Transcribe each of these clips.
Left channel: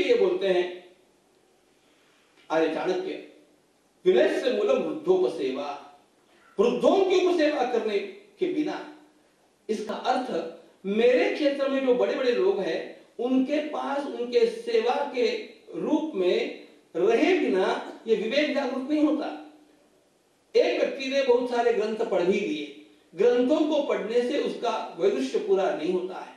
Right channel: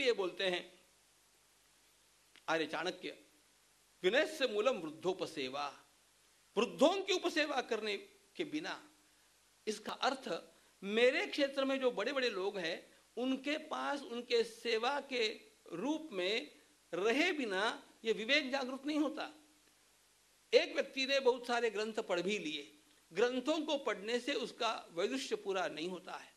ये बोलते हैं आर्य चाणक्य, विनयस्य मूलम वृद्धोपसेवा, वृद्धों की उपसेवा करने के बिना, इसका अर्थ मेरे क्षेत्र में जो बड़े बड़े लोग हैं उनके पास उनके सेवा के रूप में रहे बिना ये विवेक जागरूक नहीं होता। एक व्यक्ति ने बहुत सारे ग्रंथ पढ़ भी लिए, ग्रंथों को पढ़ने से उसका वैदुष्य पूरा नहीं होता है।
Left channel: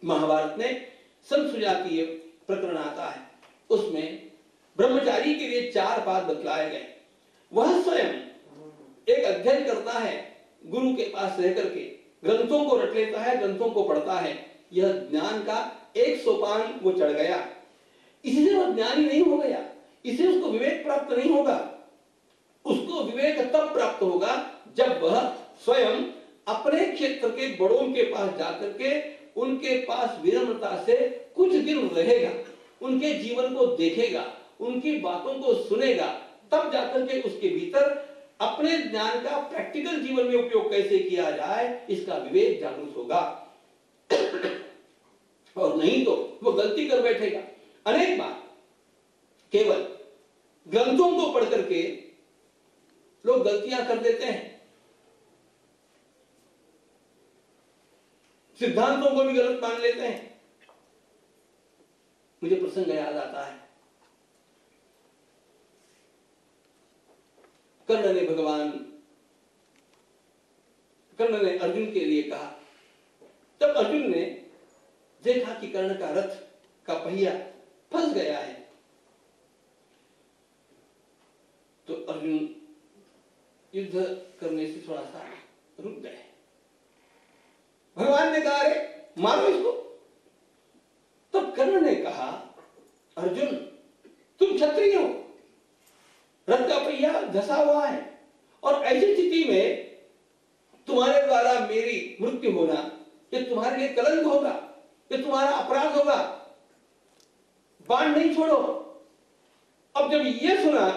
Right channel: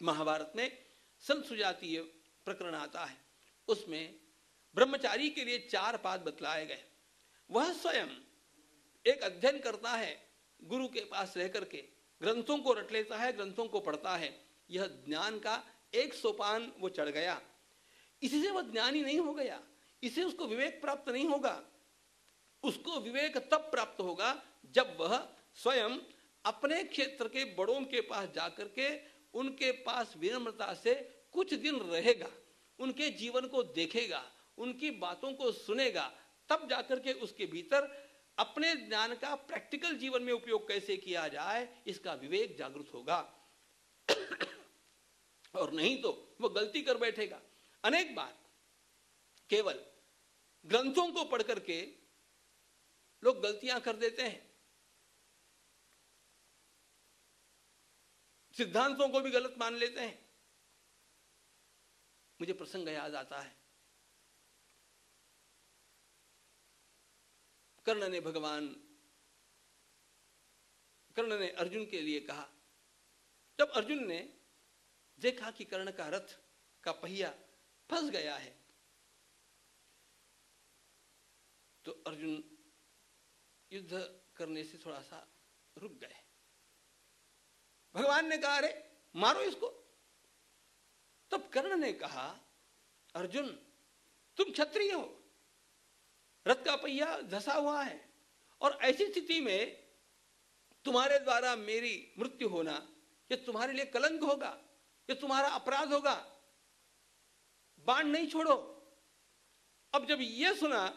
महाभारत में संसुजातीय प्रकरण आता है, उसमें ब्रह्मचारी के लिए 4 बात बतलाए गए। वह स्वयं एक अध्ययन करता है, गुरु के पास रह करके ग्रंथों को रट लेता है, ग्रंथों को पढ़ता है, यह ज्ञान का एक सोपान वो चढ़ गया। इससे वह ज्ञानी नहीं हो गया, इससे उसको विवेक प्राप्त नहीं होगा। उसको विवेक तब प्राप्त होगा जब वह स्वयं अपने क्षेत्र के बड़ों के पास जाकर के उनके पास विनम्रता से कुछ दिन रहेगा, उनके जीवन को देखेगा, उनकी बातों को सुनेगा, तब जाकर के उसके भीतर अपने ज्ञान का प्रैक्टिकल जीवन में उपयोग कैसे किया जाए इसका विवेक जागरूक होगा। और नहीं तो वो गलती कर बैठेगा। अनेक बार केवल ग्रंथों को पढ़ करके लोग गलतियां कर देते हैं, सिद्धांतों को भी गलत मान लेते हैं। मुझे प्रसंग याद आता है, कर्ण ने अर्जुन के लिए कहा, जब अर्जुन ने देखा कि कर्ण का रथ का पहिया फंस गया है, तो अर्जुन युद्ध करने से थोड़ा सा रुक गए। भगवान ने कहा, अरे मारो इसको। तब कर्ण ने कहा, अर्जुन तुम क्षत्रिय हो, रथ का पहिया धसा हुआ है, और ऐसी स्थिति में तुम्हारे द्वारा मेरी मृत्यु होना ये तुम्हारे लिए कलंक होगा, ये तुम्हारा अपराध होगा, बाण नहीं छोड़ो। अब जब ये सुना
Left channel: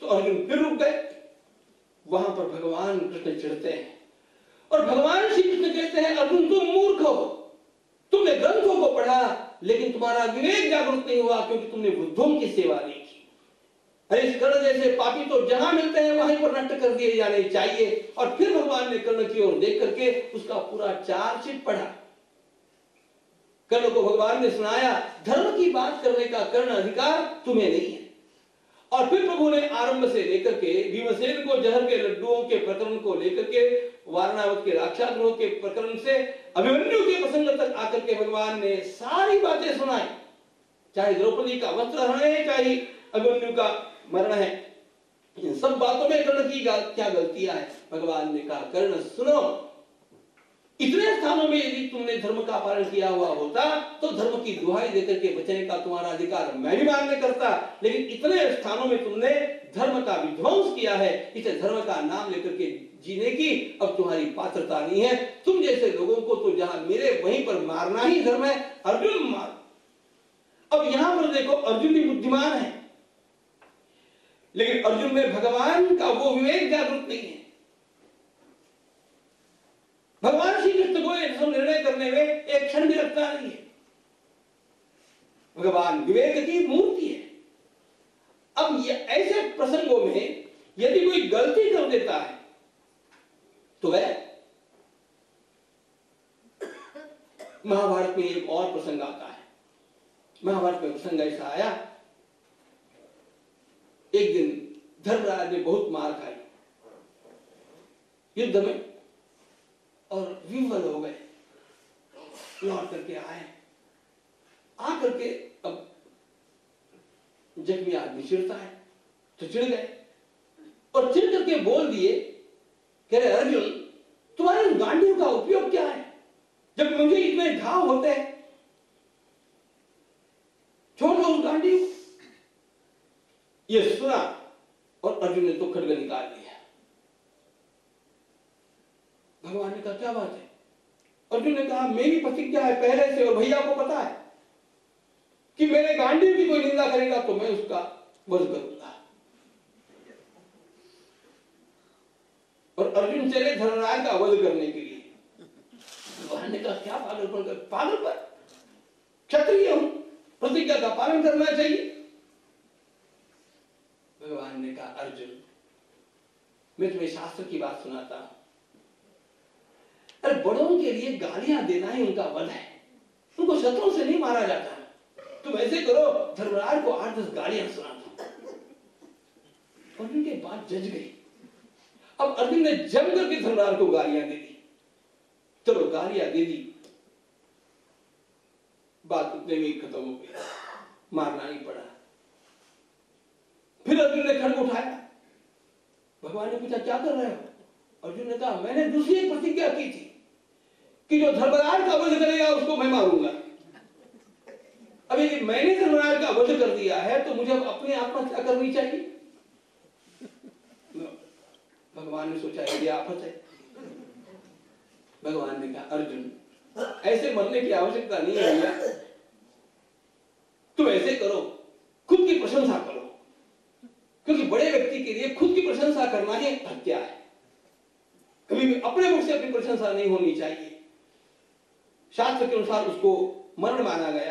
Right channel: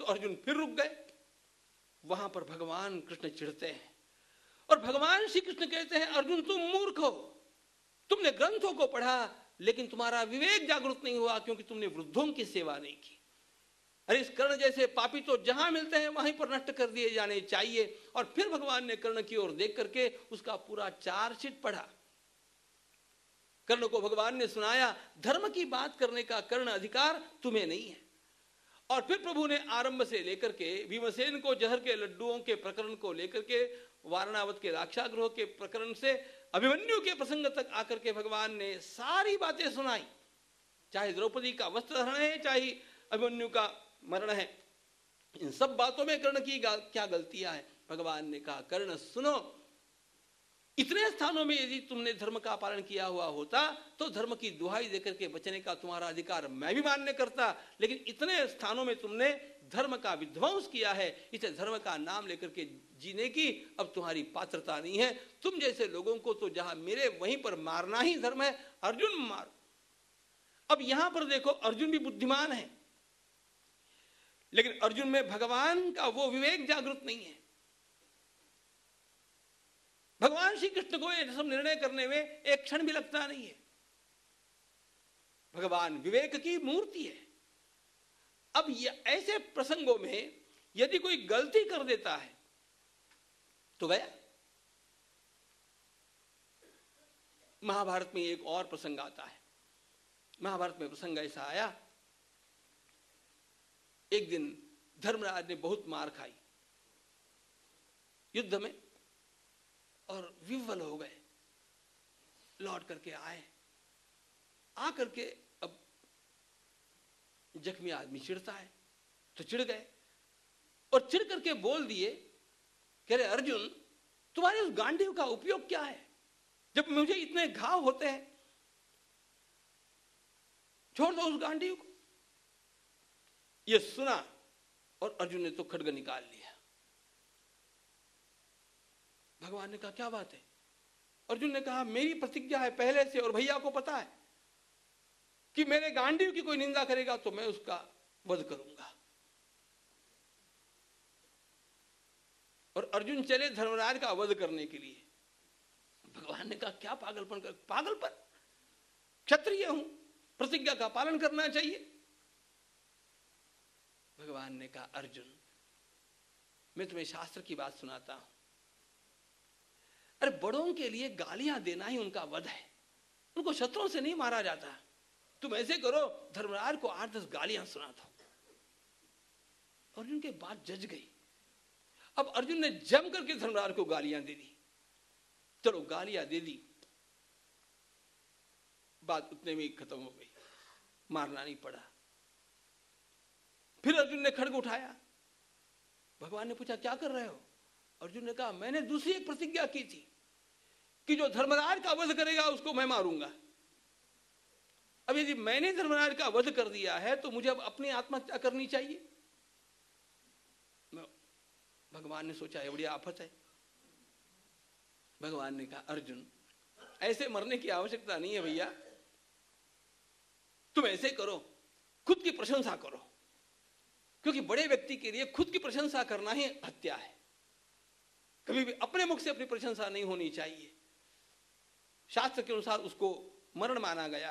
तो अर्जुन फिर रुक गए। वहां पर भगवान कृष्ण चिढ़ते हैं और भगवान श्री कृष्ण कहते हैं, अर्जुन तुम मूर्ख हो, तुमने ग्रंथों को पढ़ा लेकिन तुम्हारा विवेक जागरूक नहीं हुआ क्योंकि तुमने वृद्धों की सेवा नहीं की। अरे इस कर्ण जैसे पापी तो जहां मिलते हैं वहीं पर नष्ट कर दिए जाने चाहिए। और फिर भगवान ने कर्ण की ओर देख करके उसका पूरा चार्जशीट पढ़ा। कर्ण को भगवान ने सुनाया, धर्म की बात करने का कर्ण अधिकार तुम्हें नहीं है। और फिर प्रभु ने आरंभ से लेकर के भीमसेन को जहर के लड्डुओं के प्रकरण को लेकर के वारणावत के राक्षसगृह के प्रकरण से अभिमन्यु के प्रसंग तक आकर के भगवान ने सारी बातें सुनाई। चाहे द्रौपदी का वस्त्र हरण है, चाहे अभिमन्यु का मरण है, इन सब बातों में कर्ण की क्या गलतियां है। भगवान ने कहा, कर्ण सुनो, इतने स्थानों में यदि तुमने धर्म का पालन किया हुआ होता तो धर्म की दुहाई देकर के बचने का तुम्हारा अधिकार मैं भी मान्य करता, लेकिन इतने स्थानों में तुमने धर्म का विध्वंस किया है, इसे धर्म का नाम लेकर के जीने की अब तुम्हारी पात्रता नहीं है। तुम जैसे लोगों को तो जहां मिले वहीं पर मारना ही धर्म है, अर्जुन मार। अब यहां पर देखो, अर्जुन भी बुद्धिमान है लेकिन अर्जुन में भगवान का वो विवेक जागरूक नहीं है। भगवान श्री कृष्ण को ये सब निर्णय करने में एक क्षण भी लगता नहीं है। भगवान विवेक की मूर्ति है। अब ये ऐसे प्रसंगों में यदि कोई गलती कर देता है तो वह महाभारत में एक और प्रसंग आता है। महाभारत में प्रसंग ऐसा आया, एक दिन धर्मराज ने बहुत मार खाई युद्ध में और विह्वल हो गए। लौट करके आए, आकर के अब जख्मी आदमी चिढ़ता है तो चिढ़ गए और चिढ़ करके बोल दिए, कह रहे अर्जुन तुम्हारे गांडियों का उपयोग क्या है जब मुझे इतने घाव होते हैं, छोड़ दो उस गांडी को। ये सुना और अर्जुन ने तो खड्ग निकाल दिया। भगवान ने कहा क्या बात है? अर्जुन ने कहा मेरी प्रतिज्ञा है पहले से और भैया को पता है कि मेरे गांडी की कोई निंदा करेगा तो मैं उसका वध करूंगा। और अर्जुन चले धर्मराज का वध करने के लिए। भगवान ने कहा क्या पागलपन कर, पागल पर क्षत्रिय हूं, प्रतिज्ञा का पालन करना चाहिए। भगवान ने कहा, अर्जुन मैं तुम्हें शास्त्र की बात सुनाता हूं। अरे बड़ों के लिए गालियां देना ही उनका बल है, उनको शत्रुओं से नहीं मारा जाता। तुम ऐसे करो, धर्मराज को 8-10 गालियां सुना दो। अर्जुन की बात जज गई। अब अर्जुन ने जम करके धर्मराज को गालियां दे दी। चलो गालियां दे दी, बात उतने में ही खत्म हो गई, मारना ही पड़ा। फिर अर्जुन ने खड्ग उठाया। भगवान ने पूछा क्या कर रहे हो? अर्जुन ने कहा मैंने दूसरी प्रतिज्ञा की थी कि जो धर्मराज का वध करेगा उसको मैं मारूंगा। अब यदि मैंने धर्मराज का वध कर दिया है तो मुझे अब अपने आत्महत्या करनी चाहिए। भगवान ने सोचा ये आफत है। भगवान ने कहा अर्जुन ऐसे मरने की आवश्यकता नहीं है भैया, तुम ऐसे करो, खुद की प्रशंसा करो, क्योंकि बड़े व्यक्ति के लिए खुद की प्रशंसा करना ही हत्या है। कभी भी अपने मुख से अपनी प्रशंसा नहीं होनी चाहिए। शास्त्र के अनुसार उसको मरण माना गया।